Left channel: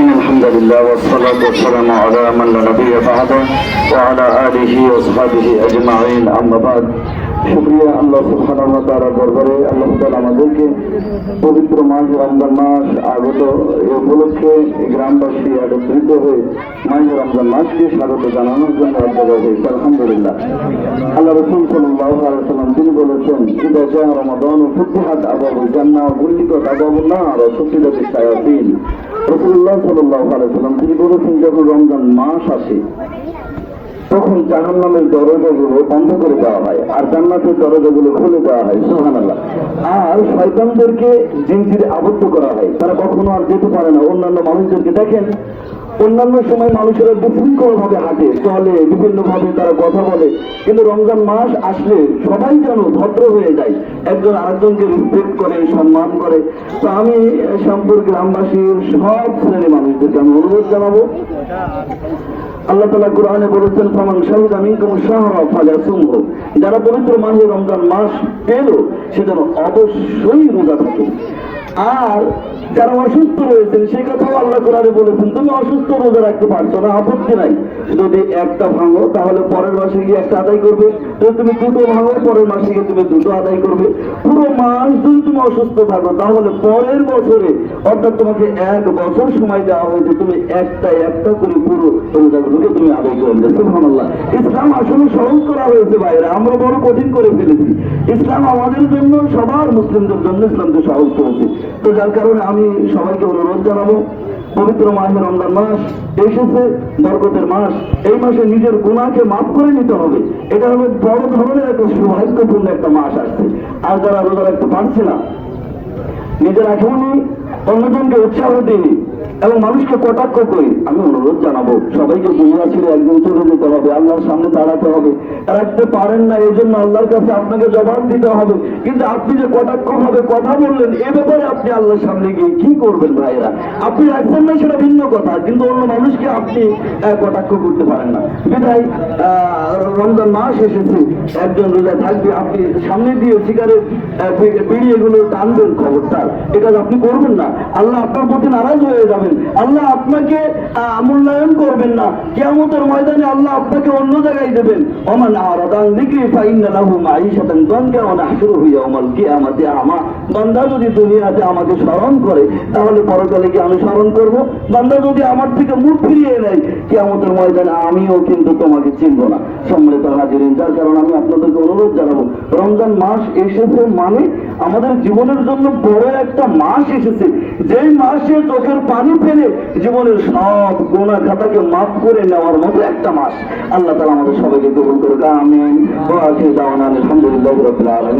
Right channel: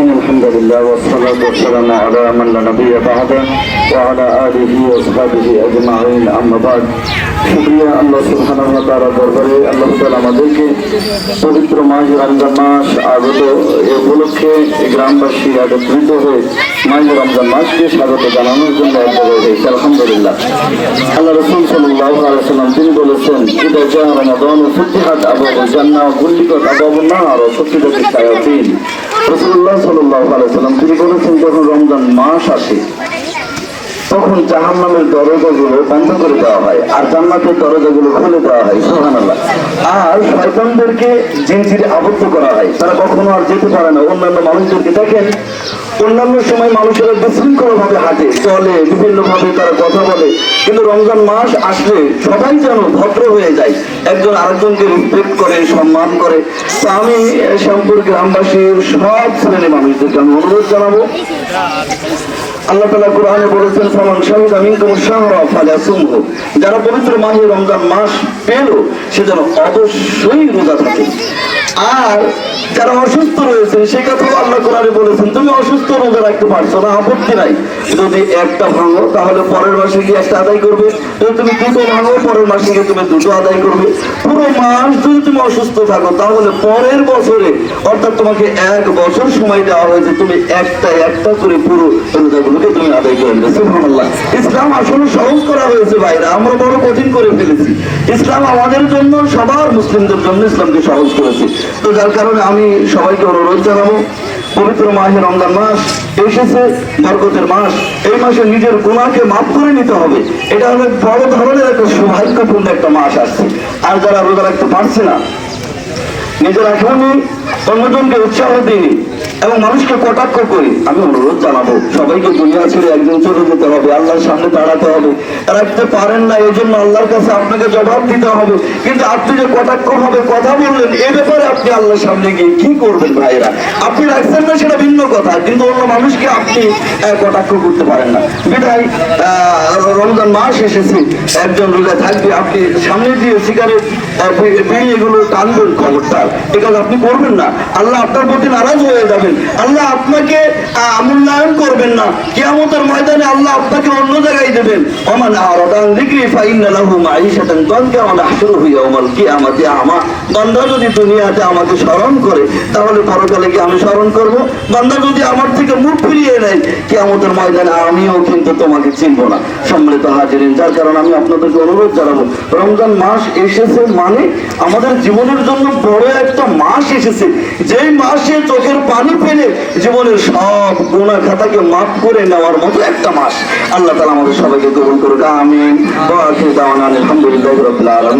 إن الحمد لله والصلاة والسلام على من لا نبي بعده وعلى آله وصحبه أجمعين أما بعد শুকরিয়া আল্লাহ সুবহানাহু ওয়া তাআলার দরবারে আল্লাহ তাআলা আমাদেরকে পবিত্র মাহে রমজান মাস আগত এই উপলক্ষে গ্রামবাসী একত্রিত হয়ে মাহে রমজান মাসকে স্বাগত জানানোর জন্য এক জায়গায় হয়েছে আলহামদুলিল্লাহ। আল্লাহ রাসূল সাল্লাল্লাহু আলাইহি ওয়াসাল্লাম তিনি বলেছেন ইদা জা রমাদান ফুতিহাত আবওয়াবুল জান্নাহ ওয়া গুলিকাত আবওয়াবুন নার ওয়া সুফিদাতিশ শায়াতিন। রাসূলুল্লাহ সাল্লাল্লাহু আলাইহি ওয়াসাল্লাম তিনি বলেছেন যখন রমজান মাস আসে তখন জাহান্নামের দরজাগুলো বন্ধ করে দেওয়া হয় আর জান্নাতের দরজাগুলো খুলে দেওয়া হয় সুবহানাল্লাহ। আর শয়তানদেরকে জিনজিরে আবদ্ধ করা হয়, তারা কখনো আর যেতে পারে না। অন্যান্য মানুষদেরকে দেখেন, অন্যান্য সময় মানুষেরা বিশৃঙ্খল ভাবে হাঁটে চলে, বিভিন্ন ভাবে তারা কথা বলে, কিন্তু রমজান মাস আসলে সবাই যেন ভদ্র হয়ে যায়, একজন আরেকজনকে রেসপেক্ট করে, সম্মান করে। তো আমি শ্যামপুর গ্রামবাসীর সব শ্রেণী মানুষদেরকে আমি অনুরোধ জানাবো, আল্লাহ তাআলা কোরআনে বলেছেন ফামান শাহিদা মিনকুম শাহরা ফালাসুমহু, যারা পবিত্র মাহে রমজান মাস পেল সে যেন অবশ্যই রোজা থাকে। আর যারা অসুস্থ রয়েছেন সে কথাও আল্লাহ কোরআনে বলেছেন তুমি অসুস্থ রোজা রাখতে পারছো না, আপত্তি নাই, যদি একটা ভাঙো তাহলে পরের মাসে গিয়ে একটা আদায় করবে, যদি তুমি দুটো ভাঙো পরের মাসে গিয়ে তুমি দুটো আদায় করবে। পুরো মাস যদি তুমি অসুস্থ থাকো তাহলে পরের বছরে, অর্থাৎ তোমাকে 1 বছর সময় দেওয়া হয়েছে, তুমি একটা করে পুরো রোজাগুলোকে তুমি আদায় করে নেবে। সুবহানাল্লাহ। ইসলাম আসলে সহজ করা হয়েছে ভাইরা, আমরা বড় কঠিন করে ফেলেছি। ইসলাম আমাদের জন্য, সবার মুসলিমদের জন্য ইসলামকে সহজ করেছে। তো যার কারণে আমি সবাইকে অনুরোধ জানাবো, পবিত্র মাহে রমজান মাস এসেছে, বরকতের মাস, এই মাসে নিজের গুনাহকে মাফ করে নিতে হবে। এটা হলো বড় ধরনের একটা সৌভাগ্যপূর্ণ একটা মাস আসছে। আর যারা রোজা রাখতে পারছে না, নিজের এখনই অন্যজনকে উৎসাহ দিই এবং মানুষকে কটাক্ষ করি, আমি অনুরোধ জানাবো সবাইকে দুনিয়া ছেড়ে একদিন চলে যেতে হবে, আল্লাহর সামনে দাঁড়াতে হবে। রাখতে পারেন না এই জন্য আল্লাহর কাছে আপনাকে জবাব দিতে হবে, কিন্তু আপনি যে কটাক্ষ ভাবে কথা বললেন এ ব্যাপারে আপনি আল্লাহর সামনে গিয়ে কি করবেন ভাইরা? আপনি রাখছেন না সেটা ভিন্ন কথা, কিন্তু অন্য মানুষকে আপনি কটাক্ষ করতে পারেন না। বিধায় রমজান মাস এসেছে, একজন রোজা থাকবে, আপনি সামনে দিয়ে সিগারেট এগুলো টানবেন খবরদার, এ কাজ আপনি করবেন না। আল্লাহ আপনার প্রতি নারাজ হয়ে যাবেন, আল্লাহ আপনাকে মূল্যায়ন করবেন না। কিয়ামতের ময়দানে আল্লাহ আপনাকে অন্য জায়গায় দেবেন। ওমান আরাদা আন যিকরি ফাইন্না লাহু মাঈশাতান দানকা ওয়া নাহশুরুহু ইয়াওমাল কিয়ামাতি আমা। বান্দা যদি দুনিয়াতে আমাকে স্মরণ করে তাহলে পরকালে কি আমি স্মরণ করব? বান্দা যদি আমার থেকে মুখ ফিরিয়ে নেয় কিয়ামতের ময়দানে আমিও কিন্তু তোমাকে চিনব না। সম্মানিত হাজিরিন, যার কারণে আমি আপনাদেরকে অনুরোধ জানাবো, রমজান মাস এসেছে মানে আমাদের জীবনের জন্য বড় একটা মাস এসেছে, যেই মাসে চোখের পানি ফেলে জীবনের সব গুনাহ খাতাকে মাফ করে নেওয়ার মতো একটা মাস। আল্লাহ তাআলা আমাদের সবাইকে কবুল করুক, আমিন। ওয়া আখিরু দাওয়ানা আলহামদুলিল্লাহি রাব্বিল আলামিন।